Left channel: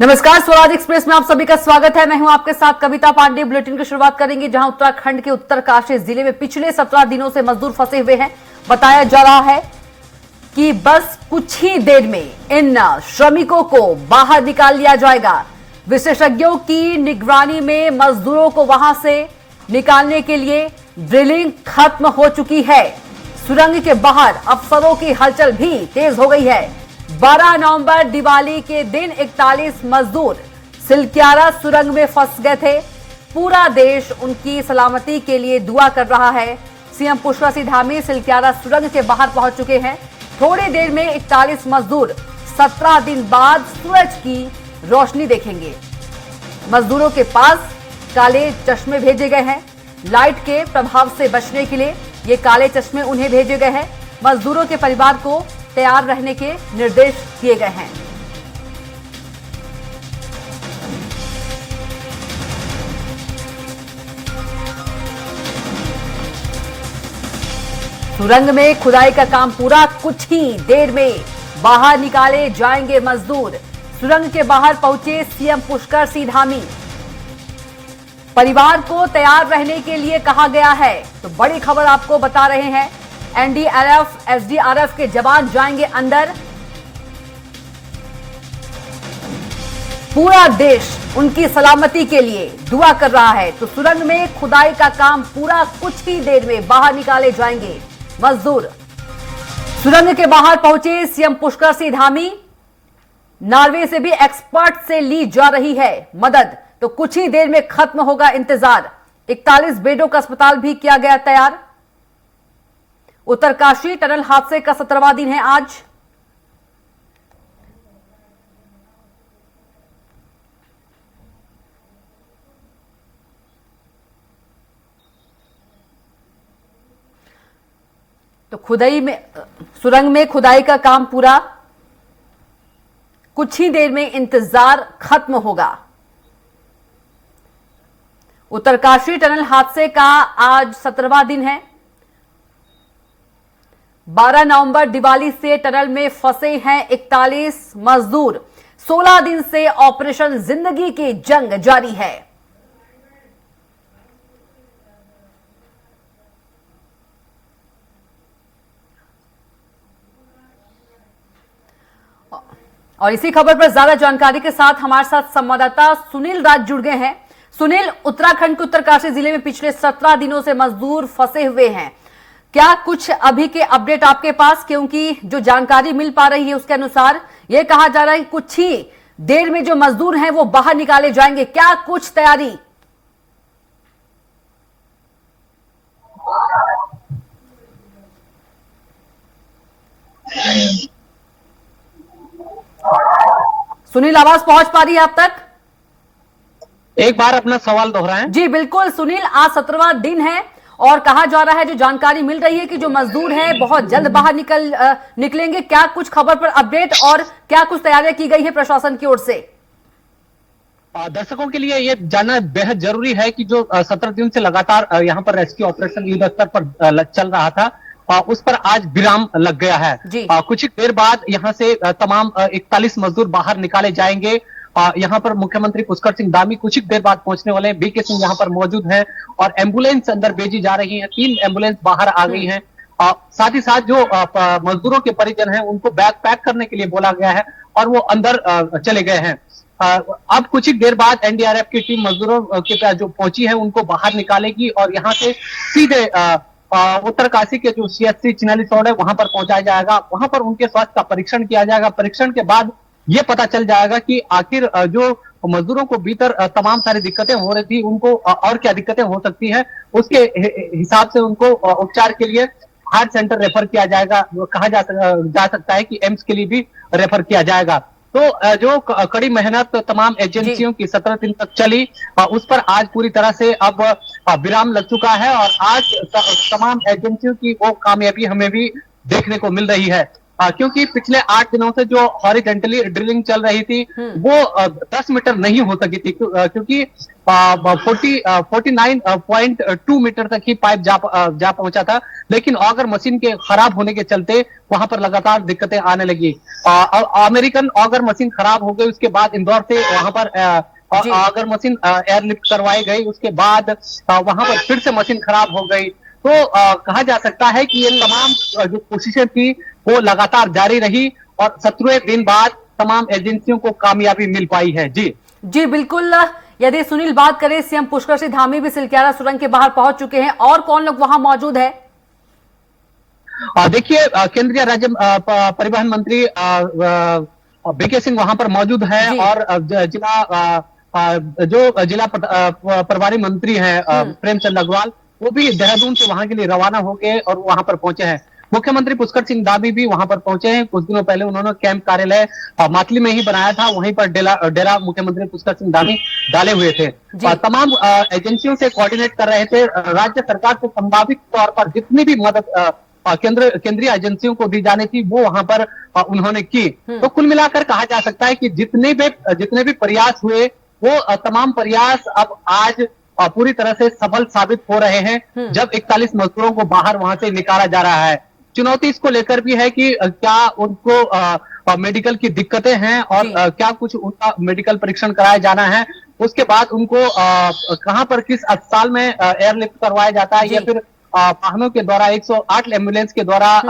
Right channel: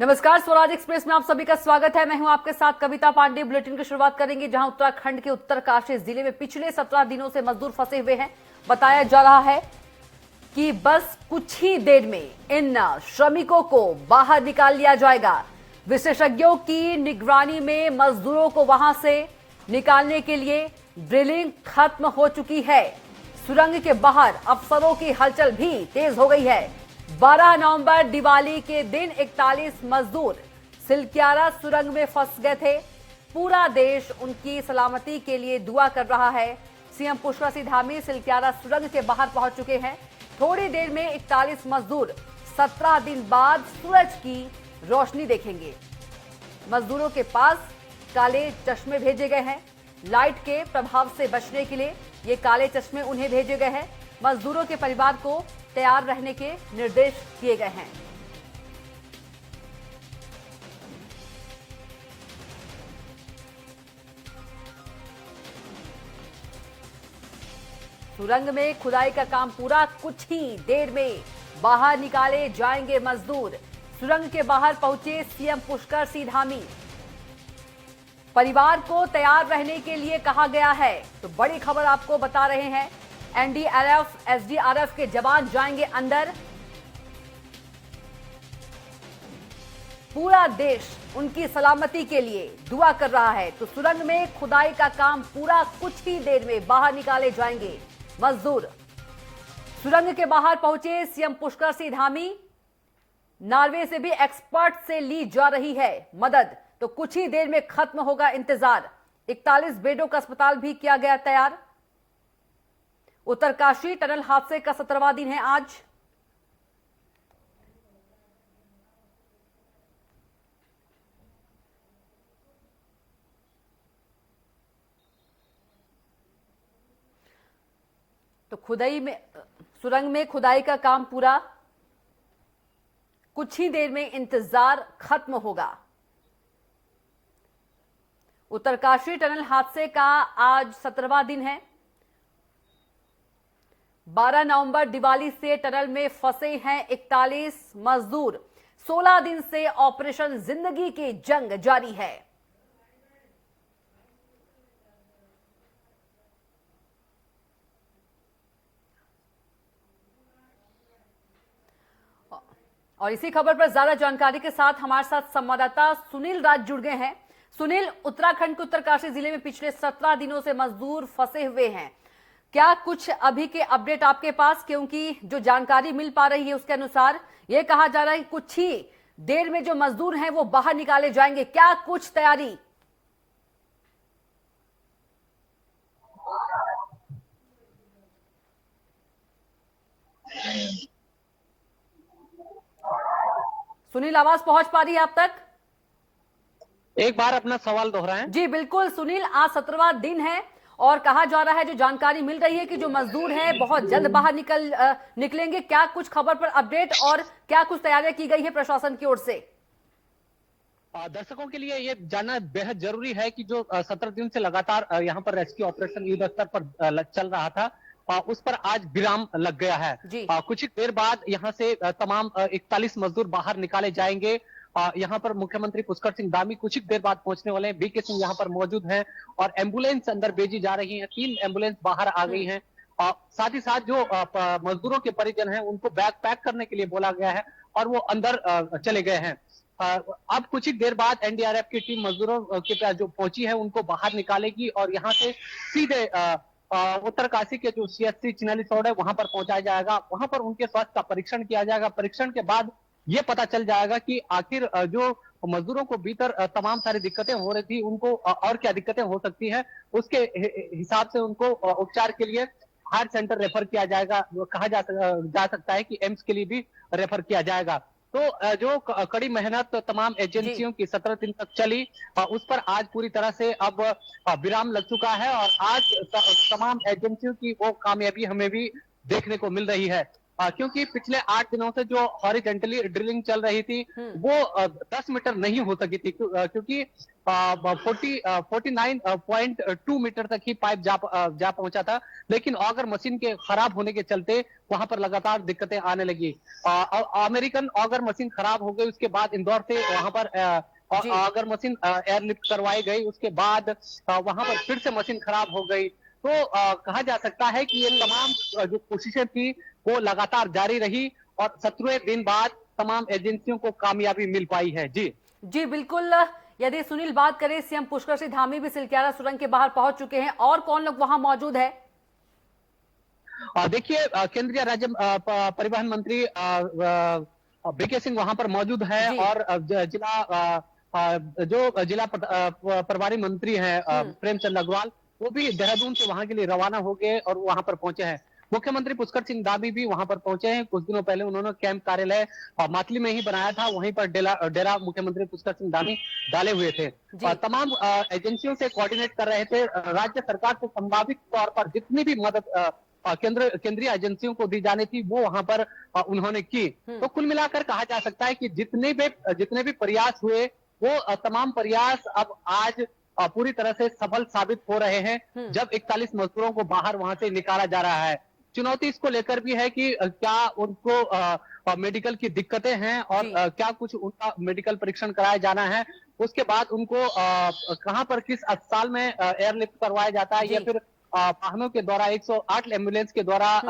नमस्कार, स्वराज एक्सप्रेस में आप सभी का स्वागत है। मैं हूं आपके साथ कविता पांडे। बुलेटिन की शुरुआत करेंगे जहां उत्तराखंड के उत्तरकाशी जिले में पिछले 17 दिनों से मजदूर फंसे हुए हैं। बताया जा रहा है कि बस कुछ ही देर में इन श्रमिकों को बाहर निकाल लिया जाएगा। विशेषज्ञों की निगरानी में मजदूरों को वहां से निकालने के लिए ड्रिलिंग खत्म हो चुकी है। सुरंग के बाहर अफसरों की हलचल भी तेज हो गई है। 12 नवंबर दिवाली के दिन 41 मजदूर सिलक्यारा सुरंग में फंस गए थे। पूरा देश उनकी सलामती के लिए दुआ कर रहा है। सीएम पुष्कर सिंह धामी सिलक्यारा सुरंग के बाहर पहुंच चुके हैं। थोड़ी देर में 41 मजदूर 17 दिन बाद सूरज की रोशनी देखेंगे। मजदूरों के पास काले चश्मे भेजे गए हैं। लाइट के प्रभाव से बचने के लिए ये काले चश्मे उन्हें भेजे गए हैं। मजदूरों के परिवार को तैयार रहने के निर्देश दिए गए हैं। सुरंग में खुदाई का काम पूरा, कुछ ही देर में बाहर निकाले जाएंगे मजदूर। सुरंग के बाहर पहुंचे सीएम पुष्कर सिंह धामी। परिवार को तैयार रहने के लिए कहा गया है। तो बड़ी खबर आपको बता रहे हैं, एनडीआरएफ, एसडीआरएफ के जवान जाएंगे अंदर। पूरा देश उनकी सलामती के लिए दुआ कर रहा है। तो सुरंग में खुदाई का काम पूरा, कुछ ही देर में बाहर निकाले जाएंगे मजदूर। सुरंग के बाहर पहुंचे सीएम पुष्कर सिंह धामी। नॉर्वे से भी एक्सपर्ट से ली जा रही है मदद। तो कुछ ही देर में खत्म होगा इंतजार। 41 बेडों का अस्पताल भी किया गया तैयार। उत्तरकाशी टनल हादसे का 17वां दिन है आज। तो सुरंग में खुदाई का काम पूरा, कुछ ही देर में इंतजार खत्म होगा। उत्तरकाशी टनल हादसे का आज 17वां दिन है। 12 नवंबर दिवाली से टनल में फंसे हैं 41 मजदूर। 16 दिन से ऑपरेशन जिंदगी की जंग जारी है। और इसी खबर पर ज्यादा जानकारी के साथ हमारे साथ संवाददाता सुनील राज जुड़ गए हैं। सुनील, उत्तराखंड के उत्तरकाशी जिले में पिछले 17 दिनों से मजदूर फंसे हुए हैं। क्या कुछ अभी के अपडेट आपके पास? क्योंकि जो जानकारी मिल पा रही है उसके अनुसार यह कहा जा रहा है कि कुछ ही देर में जो मजदूर हैं वो बाहर निकाले जाएंगे। क्या कुछ तैयारी? सुनील, आवाज पहुंच पा रही है आप तक? एक बार अपना सवाल दोहराएं। जी बिल्कुल सुनील, आज 17वां दिन है और कहा जा रहा है, जो जानकारी मिल रही है कि जो मजदूर हैं बहुत जल्द बाहर निकलेंगे। क्या कुछ खबर पर अपडेट और क्या कुछ तैयारियां की गई है प्रशासन की ओर से? दर्शकों के लिए ये जानना बेहद जरूरी है कि जो 17 दिन से लगातार यहाँ पर रेस्क्यू ऑपरेशन युद्ध स्तर पर चल रहा था, उस पर आज विराम लग गया है। कुछ ही देर बाद यहाँ से तमाम 41 मजदूर बाहर निकाले जाएंगे। यहाँ पर मुख्यमंत्री पुष्कर सिंह धामी कुछ ही देर बाद पहुंचने वाले हैं। बीके सिंह यहाँ पर मौजूद हैं और एम्बुलेंस अंदर भेजी जा रही है। 3 एम्बुलेंस बाहर आ गई हैं। साथ ही साथ जो मजदूरों के परिजन हैं उनको बैग पैक करने के लिए बोला गया है और वो अंदर चले गए हैं। अब कुछ ही देर बाद एनडीआरएफ की टीम मजदूरों के जो पहुंची है उनको बाहर निकालेगी और यहाँ से सीधे उत्तरकाशी के जो सीएचसी चिन्हालीसौड़ है वहां पर पहुंचाया जाएगा। वहां पर उनके स्वास्थ्य का परीक्षण किया जाएगा। परीक्षण के बाद ये पता चल जाएगा कि आखिर जो मजदूरों को भीतर तमाम सारी दिक्कतें हो रही थी उनको और क्या दिक्कतें हो सकती हैं, उसके हिसाब से उनको उपचार के लिए हार्ट सेंटर रेफर किया जाएगा। कहा जा सकता है कि एम्स के लिए भी रेफर किया जाएगा। तो जो कड़ी मेहनत तमाम एजेंसियों की 17 दिन तक चली, उस पर आज पूरी तरह से अब विराम लग चुका है और आज तमाम एजेंसियों की वो कामयाबी हमें भी देखने को मिल रही है। क्योंकि पिछले 8 दिनों से जो हॉरिजेंटली ड्रिलिंग चल रही थी वो 10 मीटर नहीं हो सकी थी, क्योंकि 49.2 मीटर तक ही पाइप जा पहुंचा था। लेकिन ऑगर मशीन के खराब होने के चलते वहां पर लगातार दिक्कतें आने लगी। अमेरिकन ऑगर मशीन खराब हो गई, उसके बाद इंदौर से वहां पर ऑगर मशीन एयरलिफ्ट करवाई गई, उसके बाद वहां पर फिर से मशीन खराब हो गई। तो कहा जा सकता है कि ये तमाम जो कोशिशें थी वो लगातार जारी रही और 17वें दिन बाद तमाम एजेंसियों को कामयाबी मिल पाई है। जी जी बिल्कुल। यदि सुनील बात करें, सीएम पुष्कर सिंह धामी भी सिलक्यारा सुरंग के बाहर पहुंच चुके हैं, और कौन लोग वहां मौजूद है? देखिए, केंद्रीय राज्य परिवहन मंत्री बीके सिंह वहां पर मौजूद है और जो जिला प्रभारी मंत्री हैं प्रेमचंद अग्रवाल, वो भी देहरादून से वहां के लिए रवाना हो गए और वहां पर पहुंचे हैं। मुख्यमंत्री पुष्कर सिंह धामी भी वहां पर पहुंचे हैं। कुछ दिनों पहले उन्होंने कैंप कार्यालय मातली में ही बनाया था, वहीं पर डेरा मुख्यमंत्री पुष्कर सिंह धामी डाले हुए थे। तमाम एजेंसियों से कोऑर्डिनेट कर रहे थे। राज्य सरकार से संभावित तौर पर जितनी भी मदद केंद्रीय एजेंसियों को दी जानी थी वो वहां पर उन्होंने की। तो कुल मिलाकर कहा जा सकता है कि जितने भी प्रयास हुए वो तमाम प्रयास अब आज पूरी तरह से सफल साबित हो रहे हैं, जब 41 मजदूरों को बाहर वहां से निकाला जा रहा है। चुनौती इसको लेकर भी है कि क्या उनको मेडिकल की दिक्कतें हैं और क्या कुछ उनका मेडिकल परीक्षण कराया जाना है, उसके बाद उनको कहां पर किस अस्पताल में एयरलिफ्ट करवाया जाता है या फिर वाहनों के द्वारा 108 एम्बुलेंस के द्वारा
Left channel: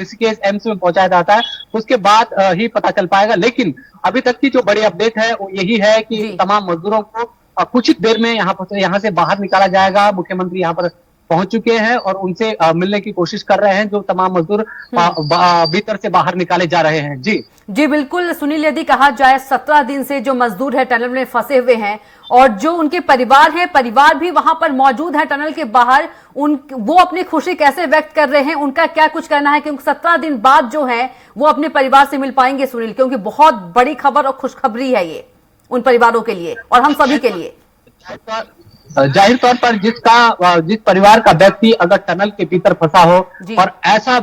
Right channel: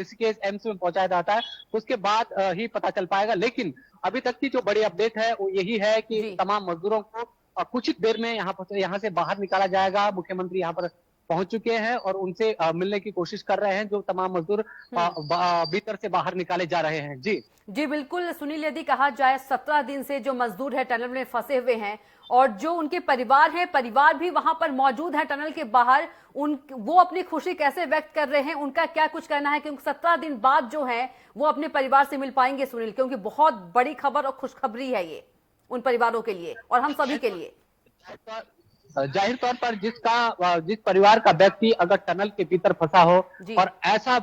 ऋषिकेश एम्स में पहुंचाया जाता है, उसके बाद ही पता चल पाएगा। लेकिन अभी तक की जो बड़ी अपडेट है वो यही है कि तमाम मजदूरों को कुछ ही देर में यहाँ से बाहर निकाला जाएगा। मुख्यमंत्री यहाँ पर पहुंच चुके हैं और उनसे मिलने की कोशिश कर रहे हैं। जो तमाम मजदूर भीतर से बाहर निकाले जा रहे हैं। जी बिल्कुल सुनील, यदि कहा जाए 17 दिन से जो मजदूर है टनल में फंसे हुए हैं और जो उनके परिवार भी वहां पर मौजूद है टनल के बाहर, वो अपनी खुशी कैसे व्यक्त कर रहे हैं, उनका क्या कुछ कहना है? क्योंकि 17 दिन बाद जो है वो अपने परिवार से मिल पाएंगे सुनील, क्योंकि बहुत बड़ी खबर और खुशखबरी है ये उन परिवारों के लिए और हम सभी के लिए। जाहिर तौर पर जिस परिवार का व्यक्ति अगर टनल के भीतर फंसा हो और ऐसा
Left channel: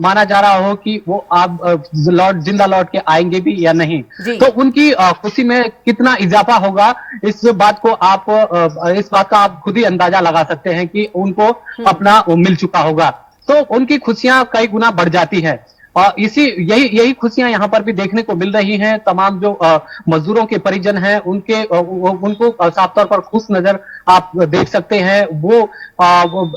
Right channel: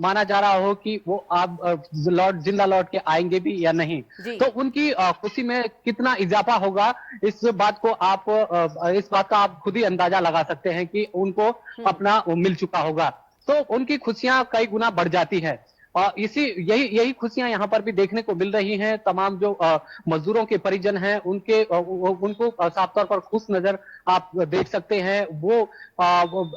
माना जा रहा हो कि वो आप जिंदा लौट के आएंगे भी या नहीं, तो उनकी खुशी में कितना इजाफा होगा, इस बात का आप खुद ही अंदाजा लगा सकते हैं कि उनको अपना मिल चुका होगा। तो उनकी खुशियां कई गुना बढ़ जाती है और यही खुशियां यहाँ पर भी देखने को मिल रही हैं। तमाम जो मजदूरों के परिजन हैं उनको साफ तौर पर खुश नजर आप देख सकते हैं। वो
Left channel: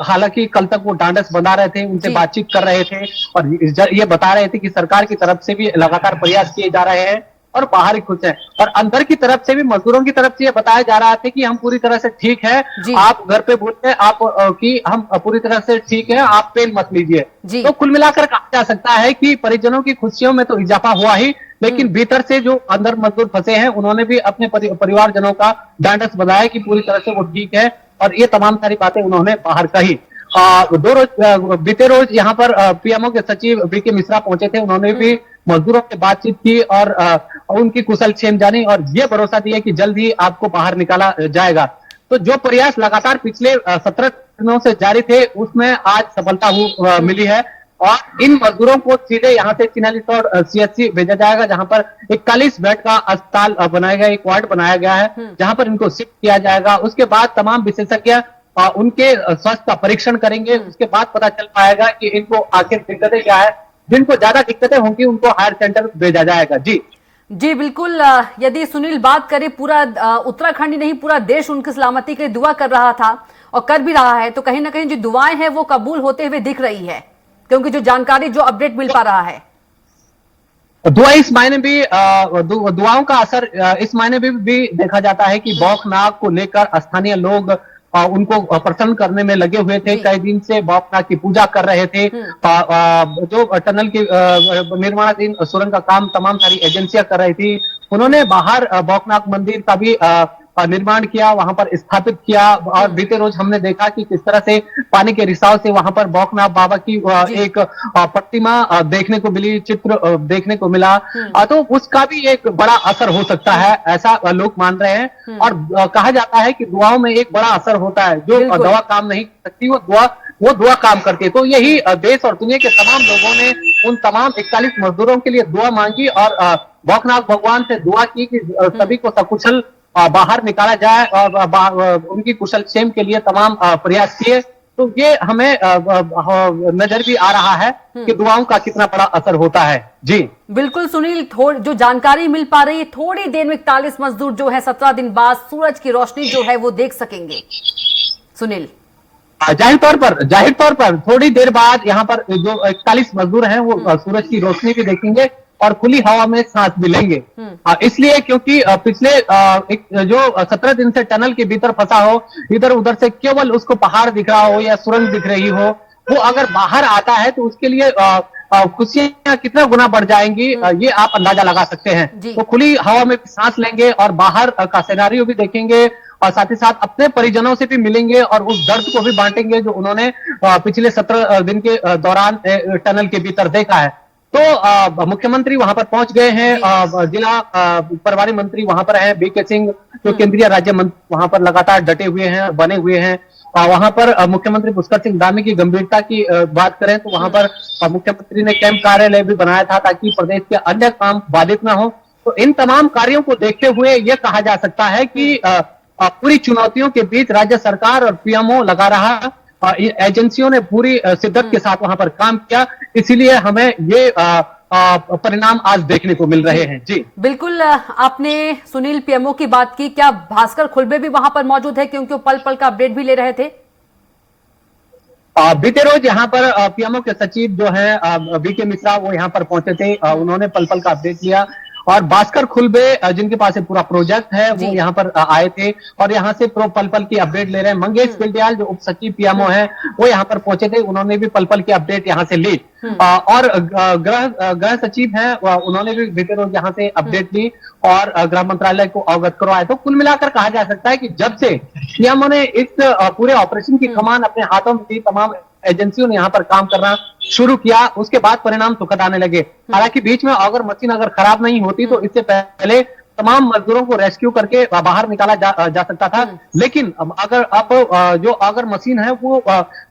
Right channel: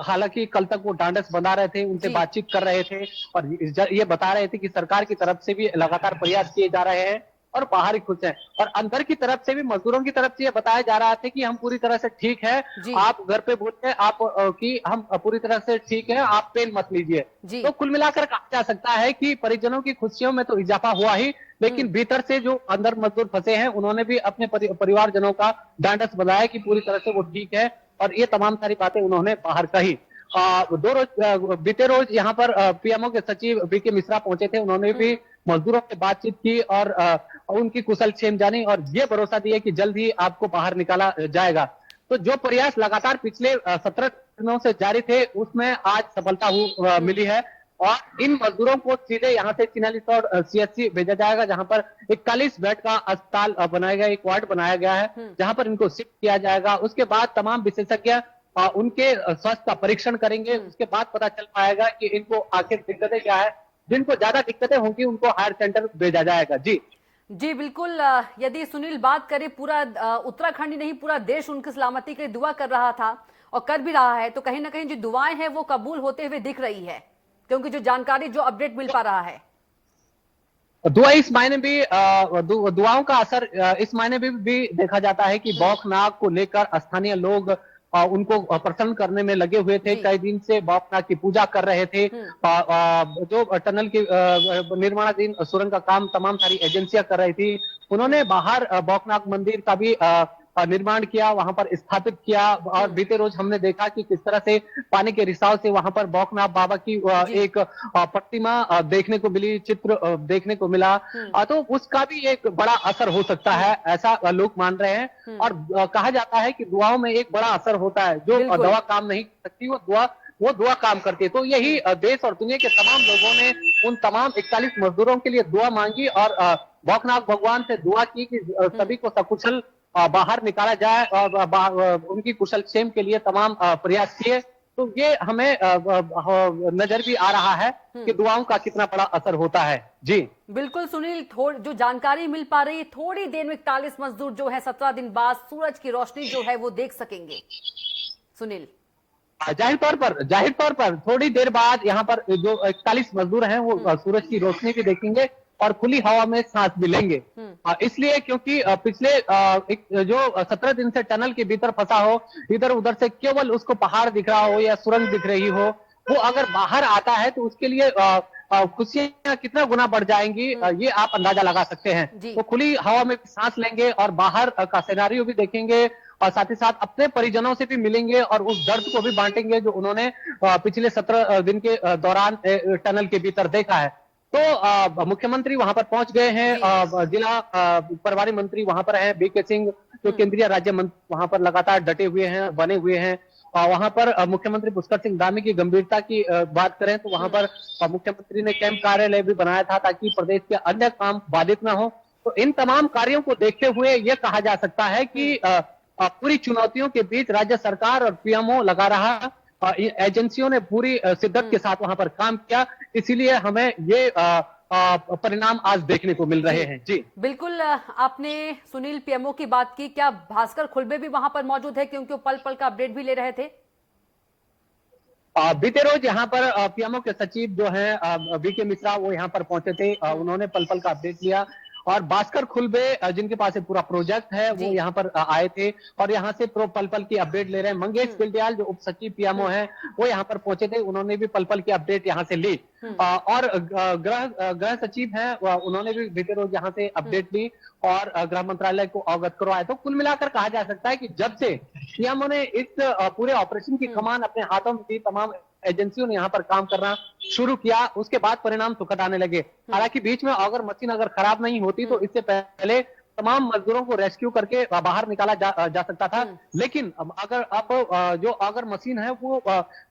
हालांकि कल तक वो डांडस बना रहे थे, उनसे बातचीत कर रहे थे और ये बता रहे थे कि सरकार की तरफ से भी लगातार प्रयास किए जा रहे हैं और बाहर ही खुश है। और अंदर की तरफ से भी, मजदूरों की तरफ से ये बताया जा रहा था कि हम पूरी तरह से ठीक है, आप घर पे बोलते हैं आप कि हम पूरी तरह से ठीक है, आप पेन मत लीजिए। तो कुल मिलाकर कहा जा सकता है कि परिजनों की खुशियों में तो इजाफा हुआ ही, लेकिन भीतर से जो अंदर मजदूर फंसे हैं उन्होंने भी अपने परिवारजनों का ढांढस बनाया कि पूरी तरह से वो ठीक है और ये तमाम सारी बातें उन्होंने बाहर कही। बीते रोज यहाँ पर पीएमओ के सचिव बीके मिश्रा पहुंचे थे, उन्होंने भी मजदूरों से बातचीत की और उनकी कुशलक्षेम जानी और ये भरोसा दिया कि जल्द ही आपको बाहर निकाला जाएगा। तो जो प्रयास लगातार पिछले 17 दिनों से जारी थे उसमें आज सफलता मिली है और इन मजदूरों को सीधे यहाँ से चिन्हालीसौड़ सीएचसी भेजा जाएगा, जहां पर 41 बेड का अस्पताल बनाया गया, एक वार्ड बनाया गया है जहां पर इनको शिफ्ट किया जाएगा। उसके बाद तमाम विशेषज्ञ उनके स्वास्थ्य का परीक्षण करेंगे, उसके बाद पता चल पाएगा कि इनको आखिर दिक्कतें क्या है। जिनको ज्यादा दिक्कतें होंगी उनको हायर सेंटर भेजा जाएगा। जी बिल्कुल। यदि सुनील बात करें, पूरा उत्तराखंड ही नहीं पूरा देश उनकी सलामती के लिए दुआ कर रहा था और कर भी रहा है, तो कहीं ना कहीं जो दुआएं हैं वो कबूल होते हुए दिख रही है, क्योंकि जो जानकारी जो अपडेट मिल पा रहा है, दुआ इस मायने भी दुआओं का असर इस मायने भी देखा जाता है कि बौखनाग को लेकर स्थानीय लोग उनको प्रसन्न करने में लगे हुए थे। कई दिन से बौखनाग की पूजा कर रहे थे। जो टनल के निर्माणाधीन सुरंग का काम तमाम सारी एजेंसियां कर रही थी, उन्होंने बाहर बौखनाग मंदिर का भी निर्माण किया, वहां पर स्थापित किया और बीते रोज हमने देखा कि किस तरह से पानी के रिसाव से वहां पर बौखनाग बाबा की एक प्रतिमा देखने को मिली, चित्र देखने को मिला। तो उसका भी एक बड़ा असर हो सकता है, ऐसा लोग मान रहे हैं। और कहा जाता है कि दुआओं में एक बड़ा असर होता है, जो दवा काम नहीं कर सकती वो दुआ वो दुआ काम करती है। तो यही देश और दुनिया के तमाम लोगों ने उन तमाम 41 मजदूरों के लिए दुआ मांगी और भौकनाथ भगवान से दुआ की कि सभी को सकुशल बाहर निकाला जाए और उनकी कुशल क्षेम के लिए तमाम प्रयास किए। तो ये हमें नजर भी आ रहा है कि दुआओं का कितना बड़ा असर होता है। जी बिल्कुल सुनील, जो जानकारी मिल पा रही है, थोड़ी देर में 41 मजदूर जो है 17 दिन बाद सूरज की रोशनी जो है वो देख सकेंगे। सुनील, जाहिर तौर पर थोड़ी देर बाद यहाँ पर जो 41 मजदूर हैं वो सूरज की रोशनी भी देखेंगे और खुली हवा में सांस भी लेंगे। इसलिए क्योंकि पिछले जो 17 दिन से टनल के भीतर फंसा हो, इधर उधर से केवल उसको पहाड़ दिख रहा हो या सुरंग दिख रही हो, वो अगर बाहर आता है तो उसके लिए खुशियां कितना गुना बढ़ जाएंगी, ये आप अंदाजा लगा सकते हैं। तो खुली हवा में सांस लेंगे और बाहर का सिनेरियो भी देखेंगे और साथ ही साथ अपने परिजनों से भी मिलेंगे और उस दर्द को भी बांटेंगे जो उन्होंने पिछले 17 दिन के दौरान टनल के भीतर देखा है। तो मुख्यमंत्री वहां पर पहुंच गए हैं, जिला प्रभारी मंत्री वहां पर हैं, बीके सिंह जो केंद्रीय राज्य मंत्री वहां पर लगातार डटे हुए हैं, बने हुए हैं। वहां पर मुख्यमंत्री पुष्कर सिंह धामी की गंभीरता की बात करें तो वहां पर मुख्यमंत्री ने कैंप कार्यालय भी बनाया था ताकि प्रदेश के अन्य काम बाधित न हो। तो इन तमाम कार्यों को देखते हुए ये कहा जा सकता है कि पूरी चुनौतियों के बीच राज्य सरकार और पीएमओ लगा रहा, एजेंसियों ने पूरी शिद्दत के साथ वहां पर काम किया, इसीलिए हमें ये परिणाम आज देखने को मिल रहे हैं। जी बिल्कुल, आपने सुनील पीएमओ की बात की, क्या भास्कर खुलबे भी वहां पर मौजूद है क्योंकि वो पल पल का अपडेट भी ले रहे थे? बीते रोज यहाँ पर पीएमओ के सचिव जो है बीके मिश्रा वो यहाँ पर पहुंचे थे, उन्होंने पल पल का अपडेट लिया और भास्कर खुलबे जिनके पास पूरा प्रोजेक्ट है वो यहाँ पर आए थे और यहाँ से पल पल की अपडेट ले रहे हैं। मंगेश बिल्डियाल जो उप सचिव पीएमओ है वो यहाँ पर पहुंचे थे, उन्होंने भी पल पल की अपडेट यहाँ से ली और गृह सचिव है उन्होंने भी बीते रोज यहाँ से अपडेट ली और गृह मंत्रालय को अवगत करवाया। तो कुल मिलाकर कहा जा सकता है कि जब से पीएमओ ने इस पूरे ऑपरेशन की कमान अपने हाथों में ली, तमाम एजेंसियों ने यहाँ पर काम करना शुरू किया, उसके बाद परिणाम सुखद आने लगे। हालांकि बीच में अगर मशीन अगर खराब नहीं होती तो इससे पहले तमाम मजदूरों को रेस्क्यू करके बाहर निकाला जा सकता था, लेकिन अगर मशीन है वो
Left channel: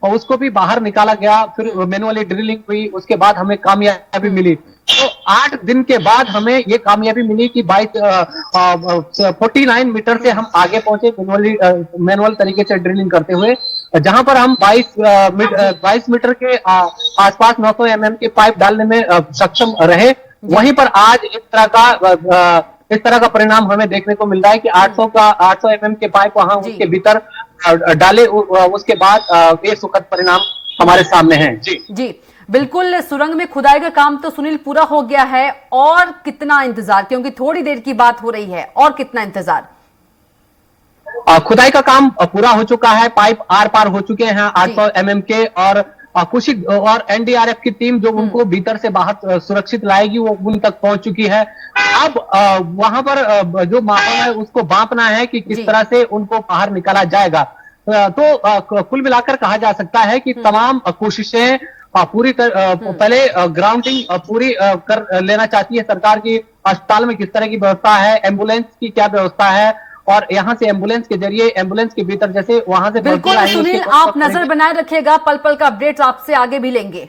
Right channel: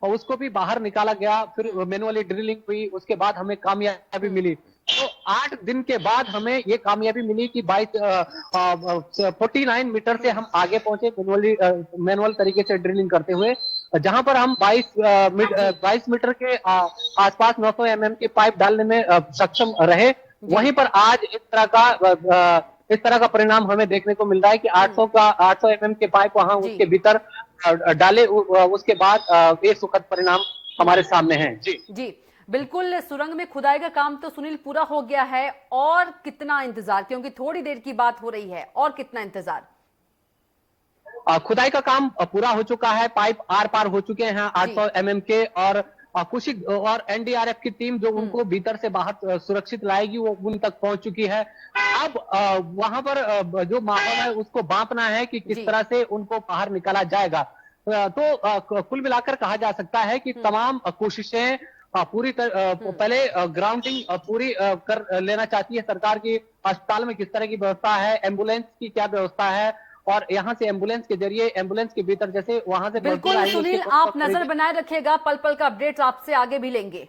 उसको भी बाहर निकाला गया, फिर मैनुअली ड्रिलिंग हुई, उसके बाद हमें कामयाबी मिली। तो 8 दिन के बाद हमें ये कामयाबी मिली कि 49 मीटर से हम आगे पहुंचे मैनुअल तरीके से ड्रिलिंग करते हुए, जहां पर हम 22 मीटर के आसपास 900 mm के पाइप डालने में सक्षम रहे। वहीं पर आज इस तरह का परिणाम हमें देखने को मिल रहा है कि 800 mm के पाइप वहां उसके भीतर डाले, उसके बाद ये सुखद परिणाम हमारे सामने है। जी बिल्कुल, सुरंग में खुदाई का काम तो सुनील पूरा हो गया है, और कितना इंतजार, क्योंकि थोड़ी देर की बात हो रही है, और कितना इंतजार? खुदाई का काम पूरा हो चुका है, पाइप आर पार हो चुके हैं 800 mm के और कुछ और एनडीआरएफ की टीम जो उनको भीतर से बाहर सुरक्षित लाएगी वो उन तक पहुंच चुकी है। अब वहां पर जो माहौल है उसको बांपना है कि किस तरह से उनको बाहर निकाला जाएगा। तो कुल मिलाकर कहा जा सकता है कि तमाम कोशिशें पूरी पहले ग्राउंडिंग पूरी कर लेना चाहती है सरकार की। अस्पताल में किस तरह की व्यवस्था है, एम्बुलेंस की क्या व्यवस्था है, और यहाँ से एम्बुलेंस के जरिए एम्बुलेंस के भीतर जैसे वहां से बिल्कुल सुनील, आप नजर बनाए रखिएगा, पल पल का अपडेट आपसे आगे भी लेंगे।